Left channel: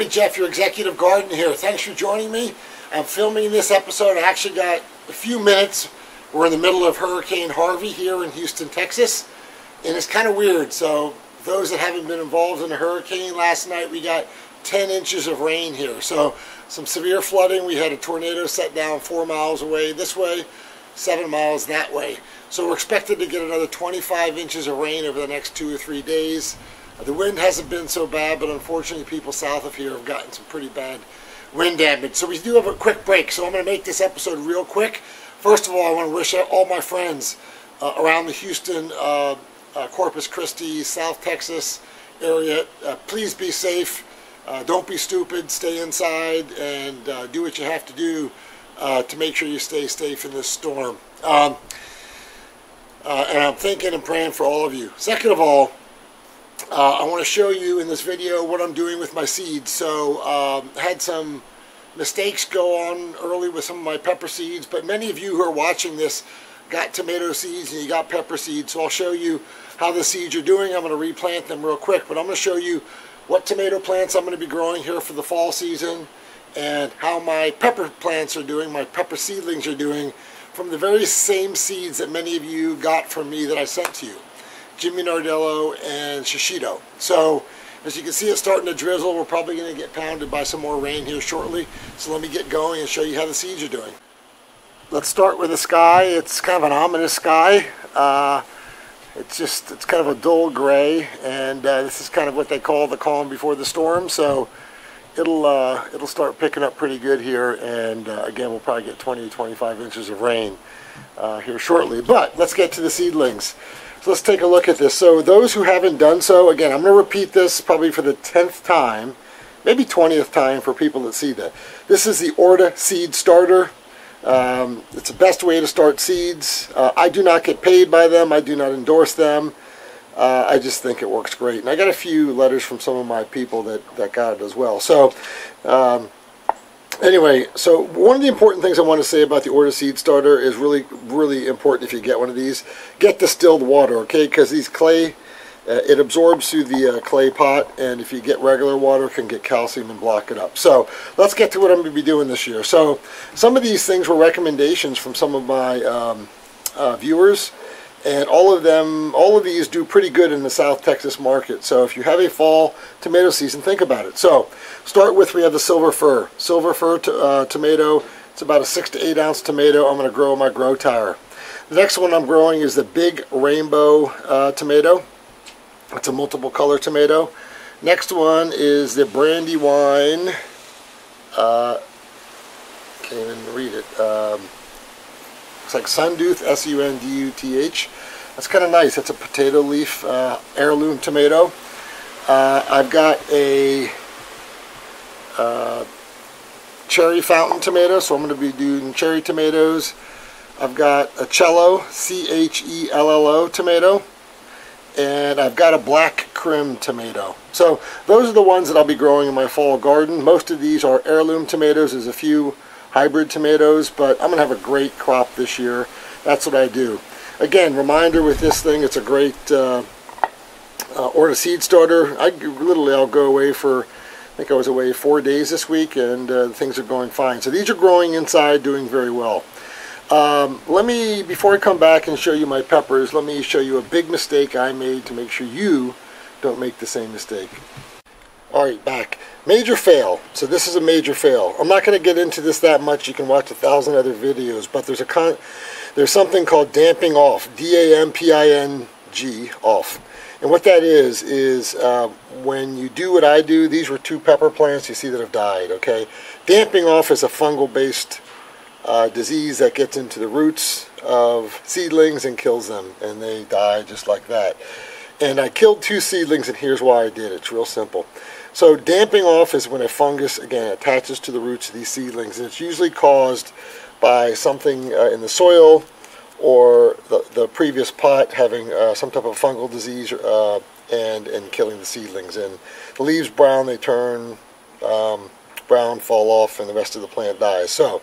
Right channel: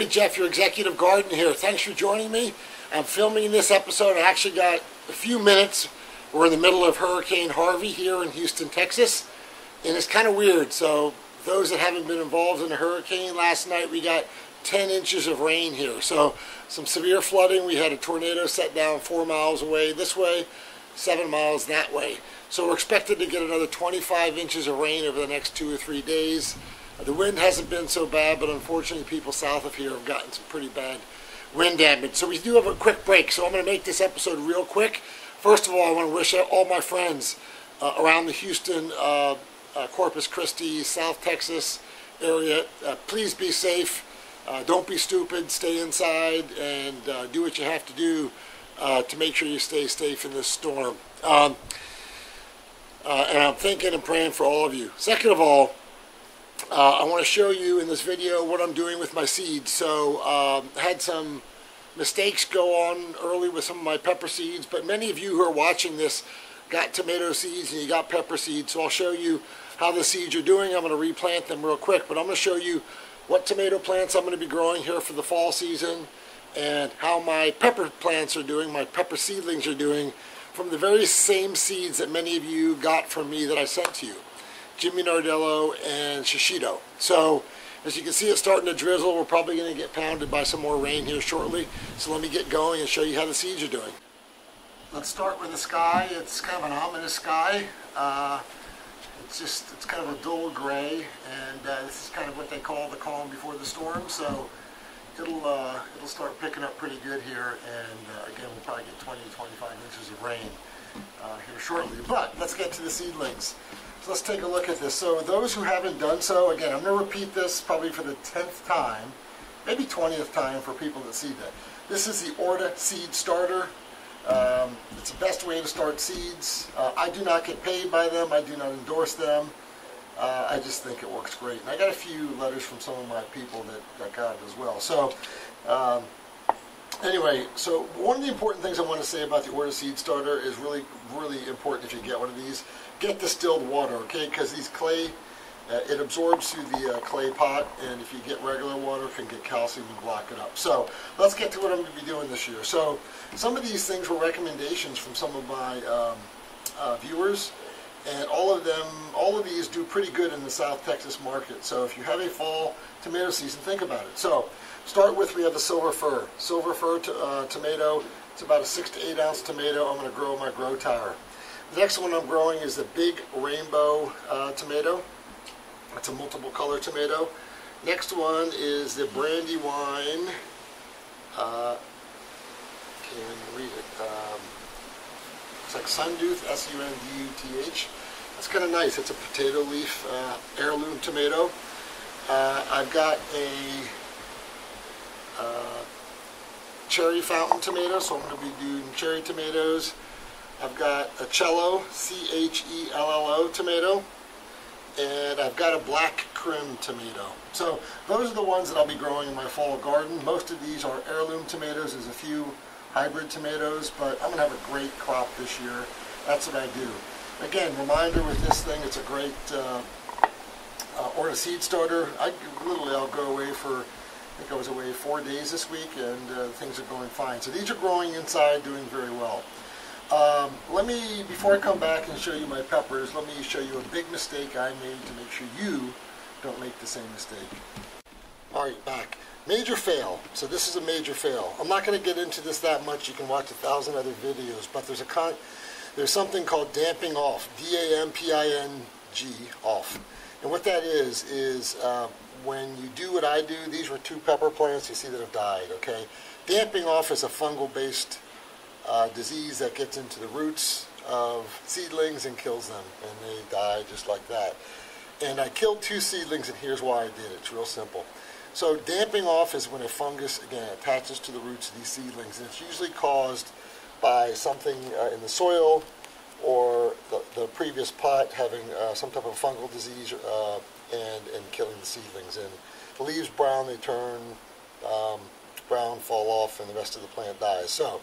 everybody, Jeff, your executive gardener here. Thanks for joining me. I'm filming this episode. I actually got a few minutes. We're in the middle of Hurricane Harvey here in Houston, Texas, and it's kind of weird. So those that haven't been involved in a hurricane, last night we got 10 inches of rain here. So some severe flooding. We had a tornado set down 4 miles away this way, 7 miles that way. So we're expected to get another 25 inches of rain over the next 2 or 3 days. The wind hasn't been so bad, but unfortunately people south of here have gotten some pretty bad wind damage. So we do have a quick break, so I'm going to make this episode real quick. First of all, I want to wish all my friends around the Houston, Corpus Christi, South Texas area, please be safe. Don't be stupid. Stay inside and do what you have to do to make sure you stay safe in this storm. And I'm thinking and praying for all of you. Second of all, I want to show you in this video what I'm doing with my seeds. So had some mistakes go on early with some of my pepper seeds, but many of you who are watching this got tomato seeds and you got pepper seeds. So I'll show you how the seeds are doing. I'm going to replant them real quick, but I'm going to show you what tomato plants I'm going to be growing here for the fall season and how my pepper plants are doing, my pepper seedlings are doing from the very same seeds that many of you got from me that I sent to you. Jimmy Nardello and Shishito. So as you can see, it's starting to drizzle. We're probably going to get pounded by some more rain here shortly. So let me get going and show you how the seeds are doing. Let's start with the sky. It's kind of an ominous sky. It's kind of a dull gray, and this is kind of what they call the calm before the storm. So it'll start picking up pretty good here, and again, we'll probably get 20 to 25 inches of rain here shortly. But let's get to the seedlings. So let's take a look at this. So those who haven't done so, again, I'm going to repeat this probably for the 10th time, maybe 20th time for people that see that. This is the Orta Seed Starter. It's the best way to start seeds. I do not get paid by them. I do not endorse them. I just think it works great. And I got a few letters from some of my people that got it as well. So anyway, so one of the important things I want to say about the Orta Seed Starter is really, really important if you get one of these. Get distilled water, okay? Because these clay, it absorbs through the clay pot, and if you get regular water, it can get calcium and block it up. So let's get to what I'm going to be doing this year. So some of these things were recommendations from some of my viewers, and all of these do pretty good in the South Texas market. So if you have a fall tomato season, think about it. So start with, we have the Silver Fir. Silver Fir tomato. It's about a 6 to 8 ounce tomato. I'm going to grow in my grow tower. The next one I'm growing is the Big Rainbow tomato. It's a multiple color tomato. Next one is the Brandywine. Can't even read it. It's like Sunduth, S-U-N-D-U-T-H. That's kind of nice. It's a potato leaf heirloom tomato. I've got a cherry fountain tomato, so I'm going to be doing cherry tomatoes. I've got a Cello, C-H-E-L-L-O tomato. And I've got a black crim tomato. So those are the ones that I'll be growing in my fall garden. Most of these are heirloom tomatoes. There's a few hybrid tomatoes, but I'm going to have a great crop this year. That's what I do. Again, reminder with this thing, it's a great Orta Seed Starter. I'll go away for, I think I was away 4 days this week, and things are going fine. So these are growing inside, doing very well. Before I come back and show you my peppers, let me show you a big mistake I made to make sure you don't make the same mistake. Alright, back. Major fail. So this is a major fail. I'm not going to get into this that much. You can watch 1,000 other videos, but there's something called damping off. D-A-M-P-I-N-G, off. And what that is when you do what I do, these were 2 pepper plants you see that have died, okay? Damping off is a fungal-based disease that gets into the roots of seedlings and kills them, and they die just like that. And I killed 2 seedlings, and here's why I did it. It's real simple. So damping off is when a fungus, again, attaches to the roots of these seedlings, and it's usually caused by something in the soil or the previous pot having some type of fungal disease and killing the seedlings. And the leaves brown, they turn brown, fall off, and the rest of the plant dies. So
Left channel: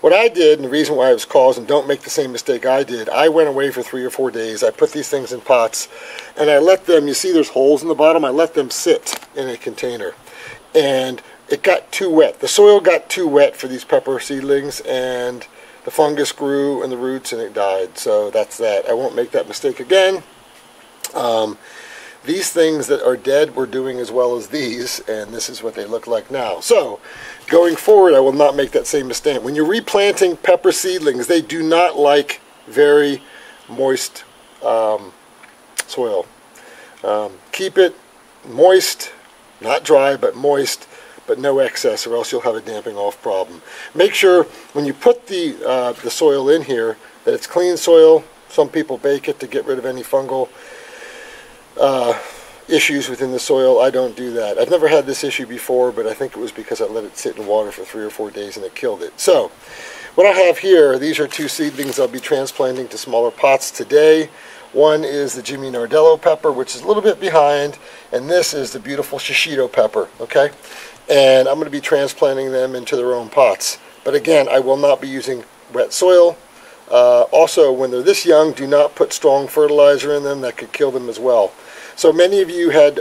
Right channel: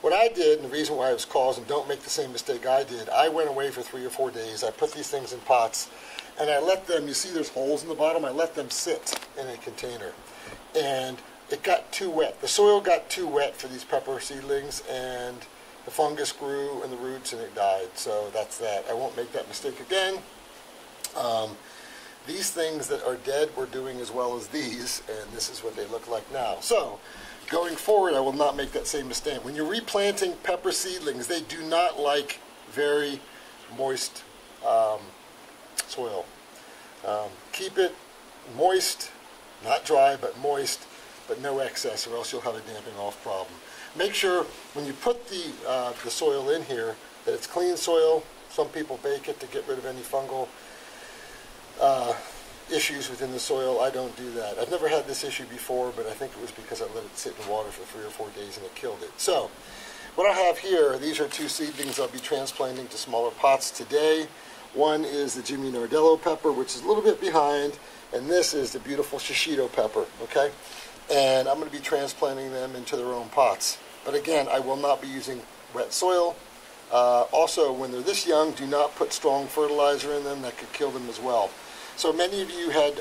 what I did, and the reason why it was caused, and don't make the same mistake I did, I went away for 3 or 4 days. I put these things in pots, and I let them, you see there's holes in the bottom, I let them sit in a container. And it got too wet. The soil got too wet for these pepper seedlings, and the fungus grew in the roots and it died. So that's that. I won't make that mistake again. These things that are dead were doing as well as these, and this is what they look like now. So going forward, I will not make that same mistake. When you're replanting pepper seedlings, they do not like very moist soil. Keep it moist, not dry, but moist, but no excess, or else you'll have a damping off problem. Make sure when you put the soil in here that it's clean soil. Some people bake it to get rid of any fungal issues within the soil. I don't do that. I've never had this issue before, but I think it was because I let it sit in water for 3 or 4 days and it killed it. So what I have here, these are 2 seedlings I'll be transplanting to smaller pots today. One is the Jimmy Nardello pepper, which is a little bit behind, and this is the beautiful Shishito pepper, okay? And I'm going to be transplanting them into their own pots. But again, I will not be using wet soil. Also, when they're this young, do not put strong fertilizer in them. That could kill them as well. So many of you had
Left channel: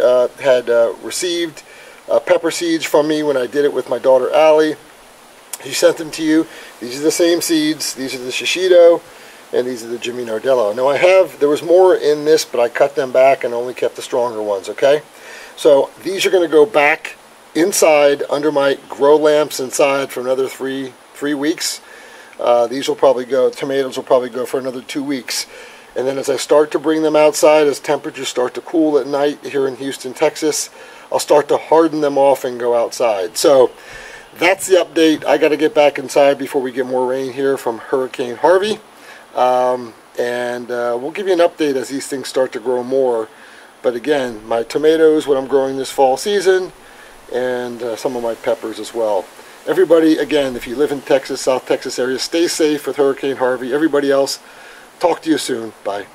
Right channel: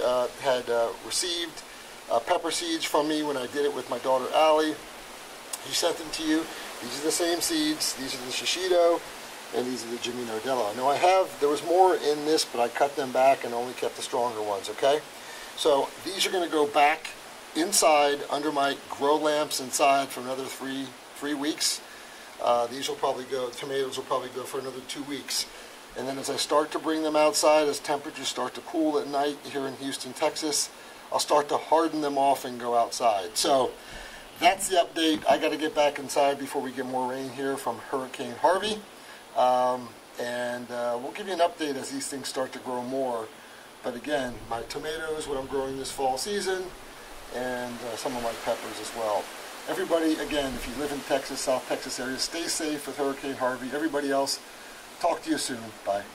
received pepper seeds from me when I did it with my daughter Allie. She sent them to you. These are the same seeds. These are the Shishito, and these are the Jimmy Nardello. Now there was more in this, but I cut them back and only kept the stronger ones, okay? So these are going to go back inside under my grow lamps inside for another three weeks. These will probably go, tomatoes will probably go for another 2 weeks. And then as I start to bring them outside, as temperatures start to cool at night here in Houston, Texas, I'll start to harden them off and go outside. So that's the update. I got to get back inside before we get more rain here from Hurricane Harvey. We'll give you an update as these things start to grow more. But again, my tomatoes, what I'm growing this fall season, and some of my peppers as well. Everybody, again, if you live in Texas, South Texas area, stay safe with Hurricane Harvey. Everybody else, talk to you soon. Bye.